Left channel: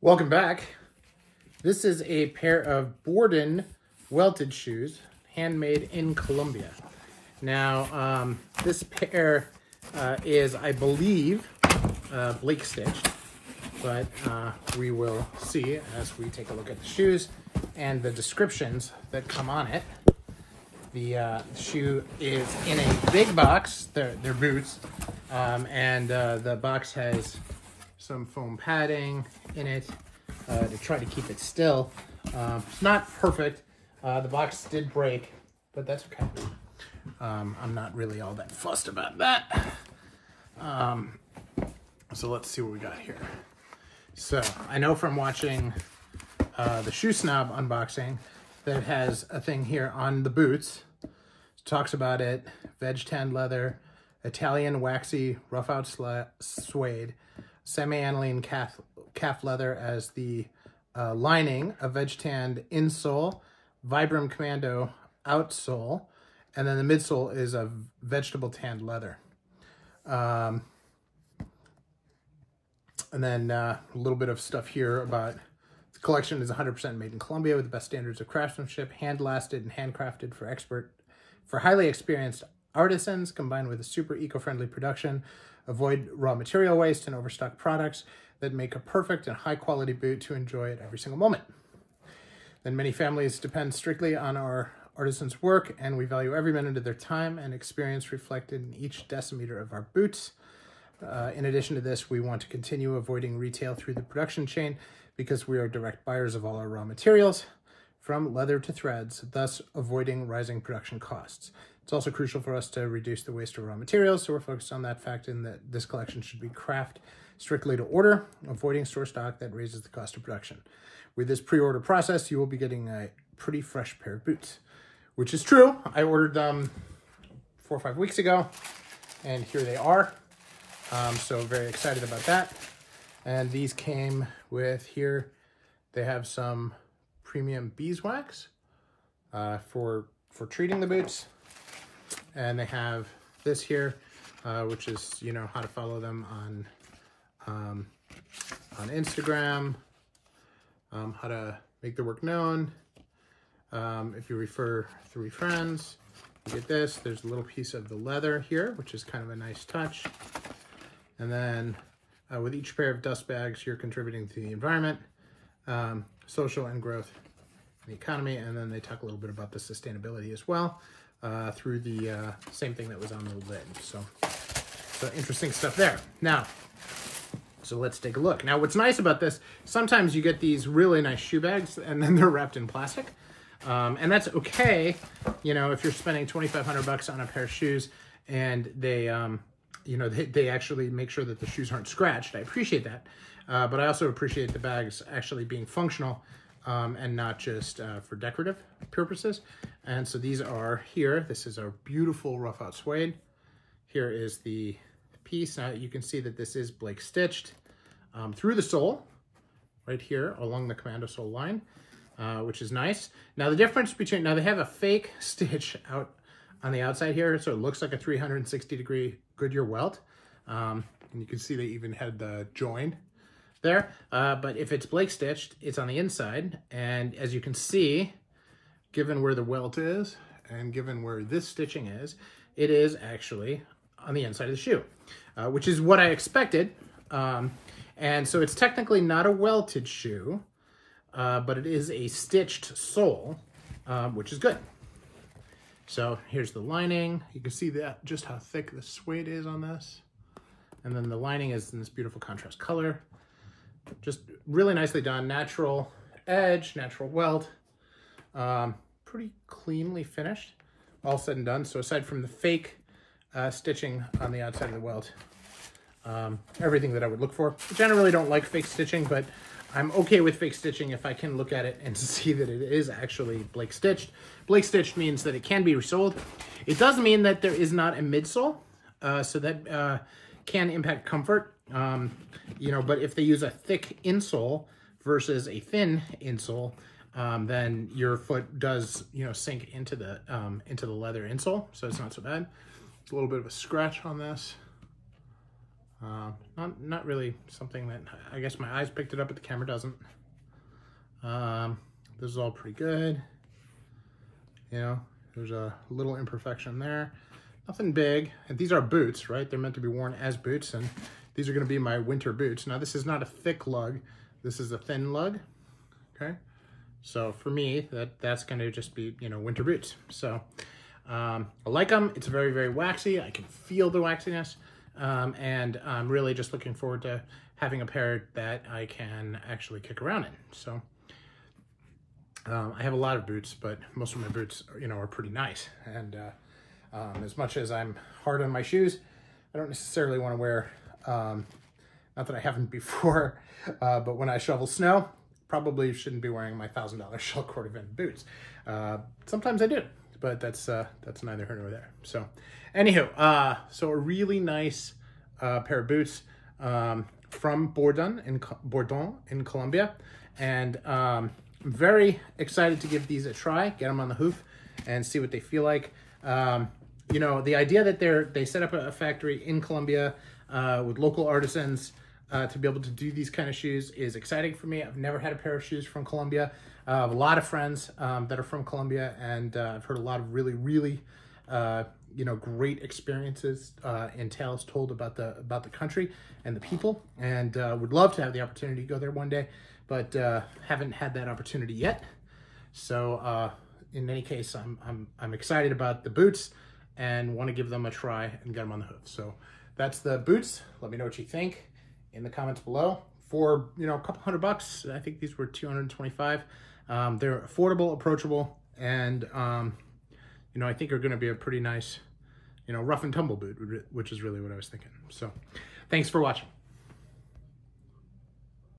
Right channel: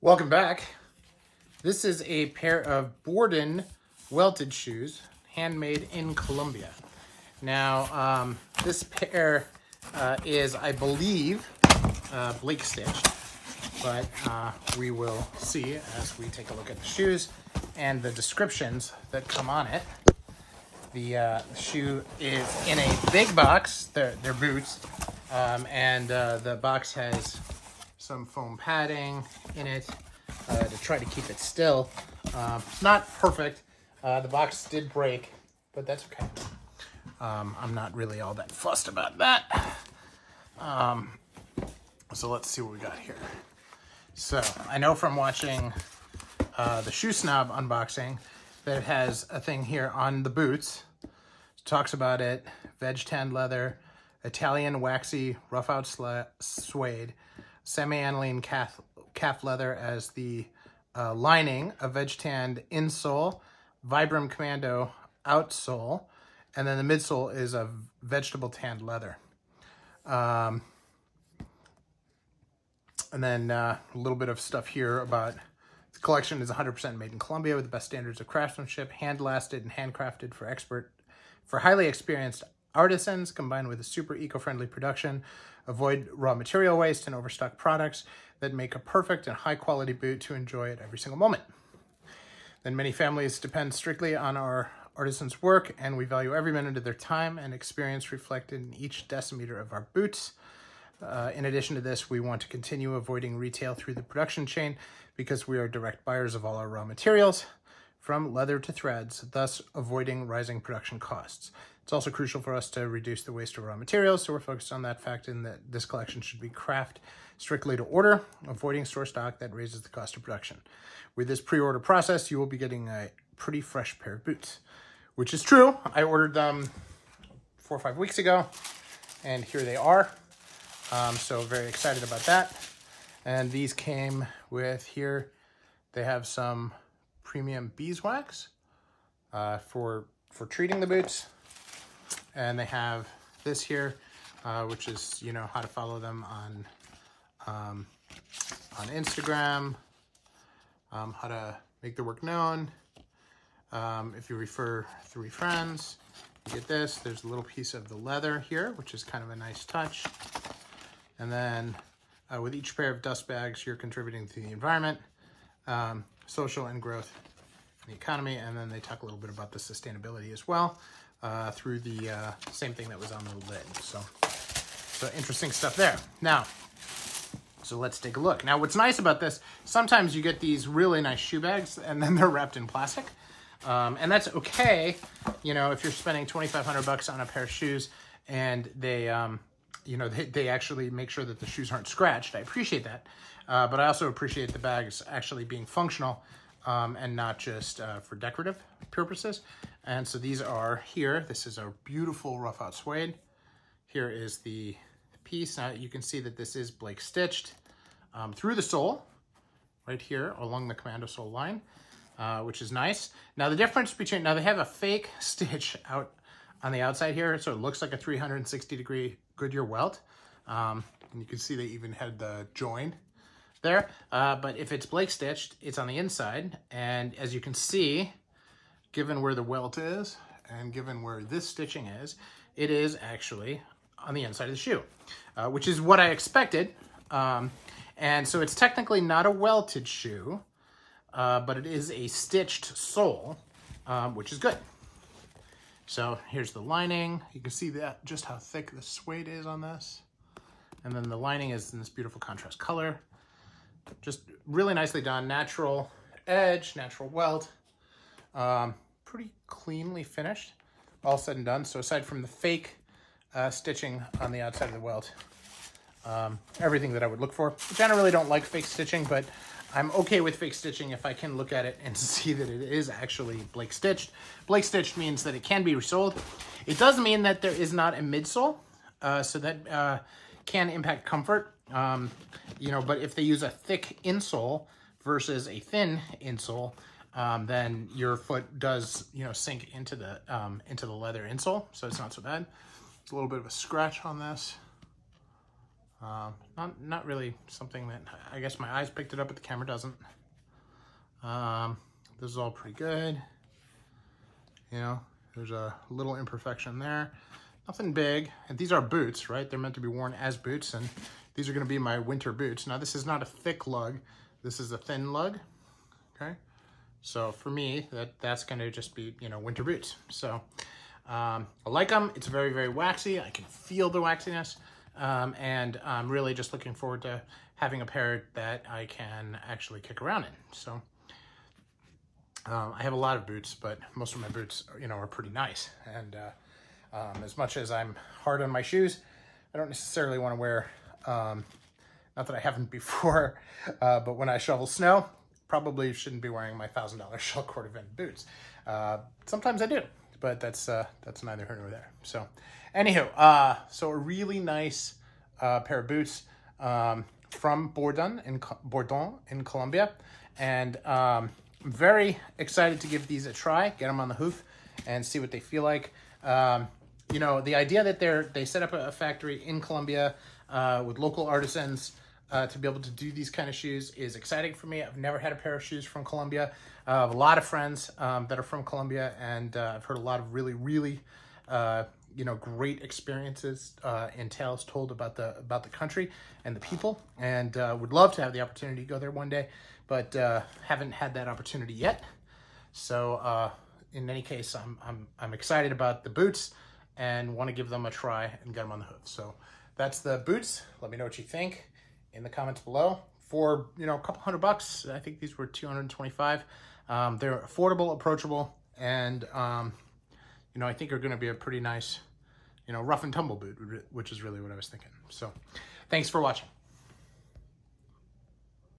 Welcome back. This is a pair of Bordon welted shoes, handmade in Colombia. Now, this pair is, I believe, Blake stitched, but we will see as we take a look at the shoes and the descriptions that come on it. The shoe is in a big box. They're boots, and the box has some foam padding in it to try to keep it still. Not perfect. The box did break, but that's okay. I'm not really all that fussed about that. So let's see what we got here. So I know from watching the Shoe Snob unboxing that it has a thing here on the boots. It talks about it: veg tanned leather, Italian waxy rough out suede, semi-aniline calf leather as the lining, a veg tanned insole, Vibram Commando outsole, and then the midsole is a vegetable tanned leather. And then a little bit of stuff here about the collection is 100% made in Colombia with the best standards of craftsmanship, hand-lasted and handcrafted for highly experienced artisans, combined with a super eco-friendly production. Avoid raw material waste and overstock products that make a perfect and high-quality boot to enjoy at every single moment. Then many families depend strictly on our artisans' work, and we value every minute of their time and experience reflected in each decimeter of our boots. In addition to this, we want to continue avoiding retail through the production chain because we are direct buyers of all our raw materials, from leather to threads, thus avoiding rising production costs. It's also crucial for us to reduce the waste of raw materials, so we're focused on that fact in that this collection should be crafted strictly to order, avoiding store stock that raises the cost of production. With this pre-order process, you will be getting a pretty fresh pair of boots, which is true. I ordered them 4 or 5 weeks ago, and here they are. So very excited about that. And these came with here, they have some premium beeswax for treating the boots. And they have this here, which is, you know, how to follow them on Instagram, how to make the work known. If you refer 3 friends, you get this. There's a little piece of the leather here, which is kind of a nice touch. And then with each pair of dust bags, you're contributing to the environment, social and growth in the economy. And then they talk a little bit about the sustainability as well through the same thing that was on the lid. So interesting stuff there. Now, so let's take a look. Now, what's nice about this, sometimes you get these really nice shoe bags and then they're wrapped in plastic. And that's okay, you know, if you're spending $2,500 on a pair of shoes and they, you know, they actually make sure that the shoes aren't scratched. I appreciate that. But I also appreciate the bags actually being functional and not just for decorative purposes. And so these are here. This is a beautiful rough out suede. Here is the piece. Now you can see that this is Blake stitched through the sole right here along the commando sole line, which is nice. Now the difference between, now they have a fake stitch out on the outside here, so it looks like a 360-degree Goodyear welt. And you can see they even had the join there. But if it's Blake stitched, it's on the inside. And as you can see, given where the welt is and given where this stitching is, it is actually on the inside of the shoe, which is what I expected. And so it's technically not a welted shoe, but it is a stitched sole, which is good. So here's the lining. You can see that just how thick the suede is on this. And then the lining is in this beautiful contrast color. Just really nicely done. Natural edge, natural welt. Pretty cleanly finished, all said and done. So aside from the fake stitching on the outside of the welt, everything that I would look for. I generally don't like fake stitching, but I'm okay with fake stitching if I can look at it and see that it is actually Blake stitched. Blake stitched means that it can be resoled. It does mean that there is not a midsole, so that can impact comfort. You know, but if they use a thick insole versus a thin insole, then your foot does, you know, sink into the leather insole, so it's not so bad. It's a little bit of a scratch on this. Not really something that, I guess my eyes picked it up, but the camera doesn't. This is all pretty good. You know, there's a little imperfection there. Nothing big. And these are boots, right? They're meant to be worn as boots, and these are going to be my winter boots. Now, this is not a thick lug. This is a thin lug, okay? So for me, that's going to just be, you know, winter boots. So I like them. It's very, very waxy. I can feel the waxiness. And I'm really just looking forward to having a pair that I can actually kick around in. So I have a lot of boots, but most of my boots, you know, are pretty nice. And as much as I'm hard on my shoes, I don't necessarily want to wear, not that I haven't before, but when I shovel snow, probably shouldn't be wearing my $1,000 Shell Cordovan boots. Sometimes I do, but that's neither here nor there. So anywho, so a really nice pair of boots from Bordon in Colombia. And I'm very excited to give these a try, get them on the hoof and see what they feel like. You know, the idea that they set up a factory in Colombia with local artisans to be able to do these kind of shoes is exciting for me. I've never had a pair of shoes from Colombia. I have a lot of friends that are from Colombia, and I've heard a lot of really, really, you know, great experiences and tales told about the country and the people, and would love to have the opportunity to go there one day, but haven't had that opportunity yet. So in any case, I'm excited about the boots and want to give them a try and get them on the hoof. So that's the boots. Let me know what you think in the comments below. For, you know, a couple $100, I think these were $225. They're affordable, approachable, and you know, I think are going to be a pretty nice, you know, rough and tumble boot, which is really what I was thinking. So thanks for watching.